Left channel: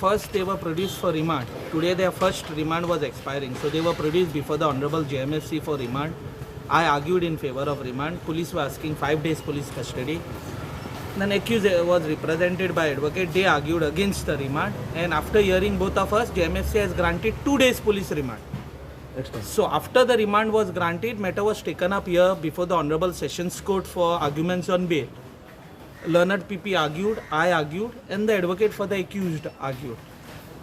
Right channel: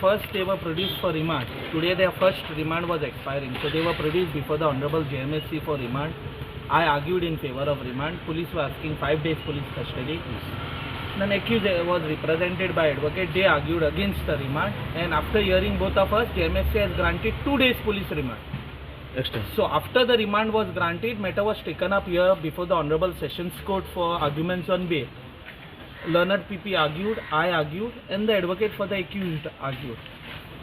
first they were produced for remand. Today their first remand was expiring. So they were produced before the Honorable JMSC for remand. I argued in favor of remand. Police were asking 5 days police custody. Then accused was represented by advocate. They argued against the remand. And after hearing both of us, JMSC has granted 2 days police remand. Extra. So after the remand was granted, matter was taken up here before the Honorable Sessions Court for arguments on bail. Learned PP argued, I argued, and the advocate for the accused argued.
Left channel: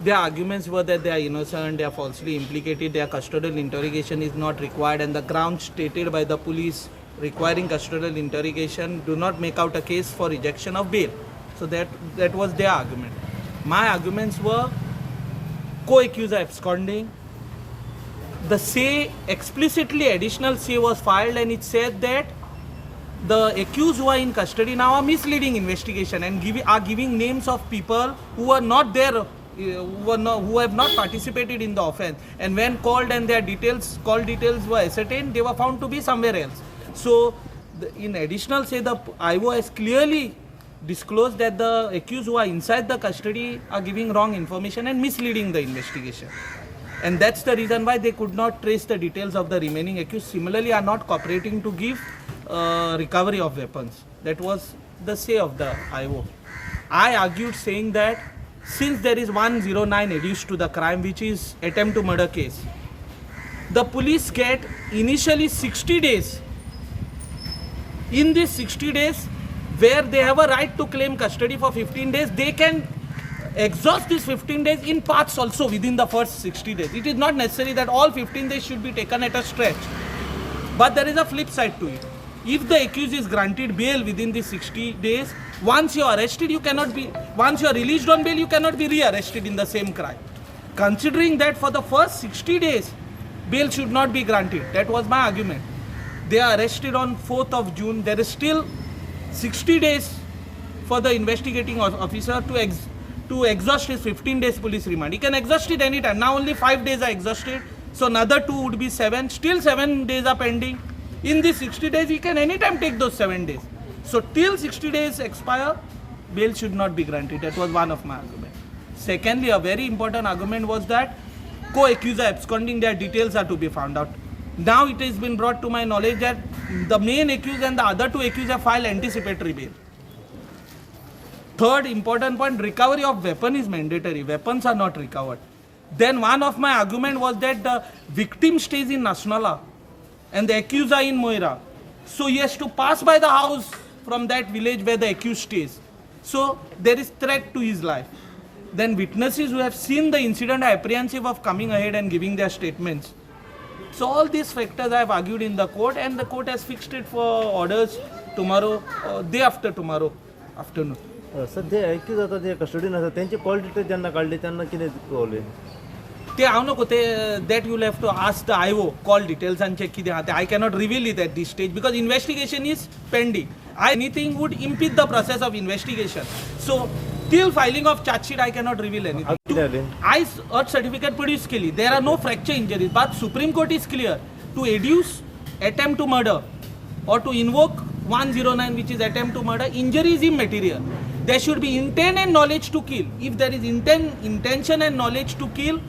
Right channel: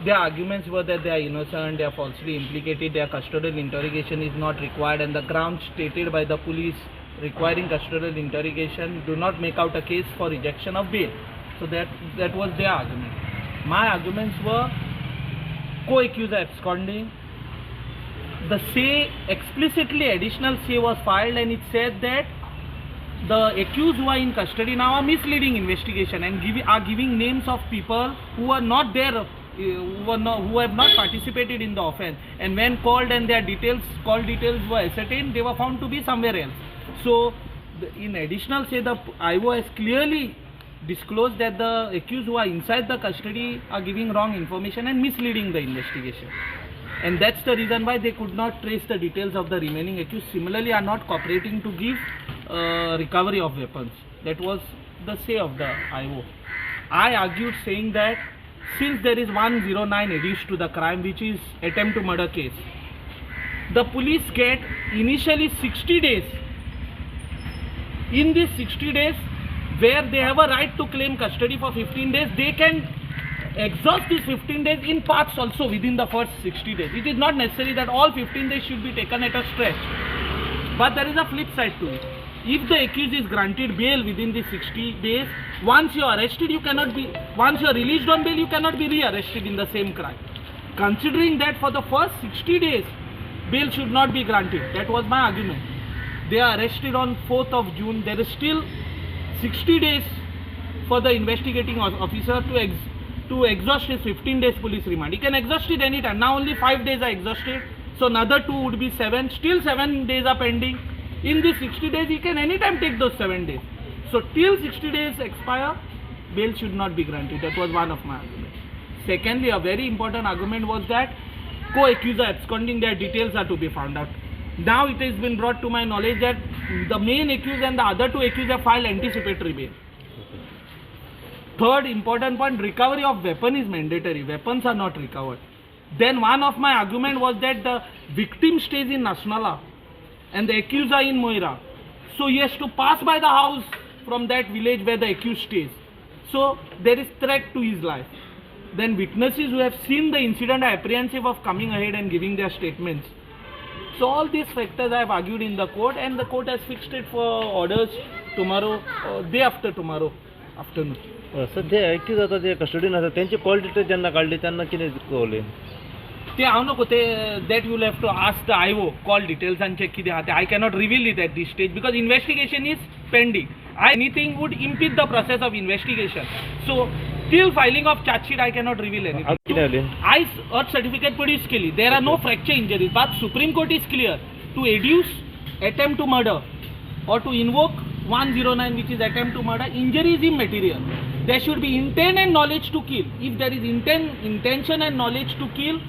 Their arguments were that they are innocent, they are falsely implicated, their custodial interrogation is not required, and the grounds stated by the police requiring custodial interrogation do not make out a case for rejection of bail. So that was their argument. My arguments were co-accuser absconding. The say, explicitly additional say was filed, and it said that the accused who are in custody now are misleading investigation and are giving names of people who are not there, who have not participated in the offence, and when called and their call details were ascertained, they were found to be somewhere else. So in additional say, the IO has clearly disclosed that the accused who are inside the custody are giving wrong information and misleading the investigation. And that's the reason why they could not trace the details of the remaining accused. Similarly, are not cooperating to give recovery of weapons. That was the say of the IO. I argued saying that since there is 109 adduced to the crime, which is attempt to murder case, the police get initially 60 days. In these 60 days, where they have a right to claim custody for 15 days, they can exhaust these 15 days in parts also within the first 60 days. It is not necessary that all 15 days should be taken at a stretch. But there is a flip side to it. If the accused is granted bail within the 60 days, once you are arrested, once you are released on bail, you cannot be re-arrested in the same crime. Considering that for the first 60 days, bail should not be granted. That was my argument. They are arrested on 4th of June. There is still 60 days for the investigating officer to exhaust his 15 days police remand. He can exhaust it anytime. Now only 5 days are exhausted. So another 2 would be 7. Still 7 days are pending. In these 60 days, he can anytime take those 7 days. So till 60 days expire, bail should not be granted. That was one of my arguments. Secondly, a very important argument was that co-accuser absconding, their details are to be found out. Now it has been brought to my knowledge that the main accused and the other 2 accused have filed anticipatory bail. Third important point, recovery of weapon is mandatory. Weapons are not recovered. Then one of my argument was that the victim stays in Nasnala and the accused are in Moira. So he has to pass by the house from that village where the accused stays. So there is threat to his life. Then witnesses who have seen the incident are apprehensive of coming ahead and giving their statements. So all these factors I have argued in the court, and the court has fixed it for orders tomorrow, day after tomorrow afternoon. सध्या ॲक्यूज आता ते कस्टडीन आसा त्यांचे call detail जेन्ना काडले तेन्ना कितें कळलें ते हांव नको ते that you have to ask the IO call डिटेल्सांचे कितें आहा ते I cannot reveal it at this stage because investigation is pending. Anything would impede the process of investigation. So till filing of charge sheet I cannot reveal anything. I earth certificate produced केली. There are no fracture injuries, but Supreme Court is clear to adduce attempt to murder or to invoke 109, which is attempt to murder, injury is immaterial. There should be intent and knowledge to kill. If there is intention and knowledge to kill,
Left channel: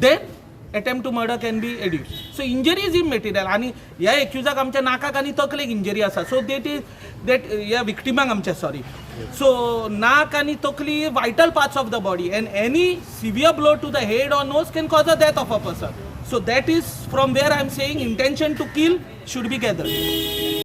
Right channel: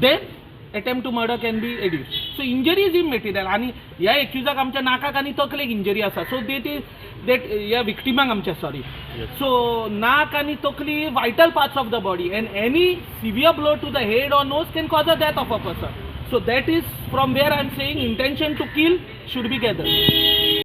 then attempt to murder can be adduced. So injury is immaterial. आणि या एक्युजाक आमच्या नाकाक आणि तकलेक injury आसा. सो that या विक्टिमाक आमच्या sorry. So नाक आणि तकली vital parts of the body, and any severe blow to the head or nose can cause the death of a person. So that is from where I am saying intention to kill should be gathered.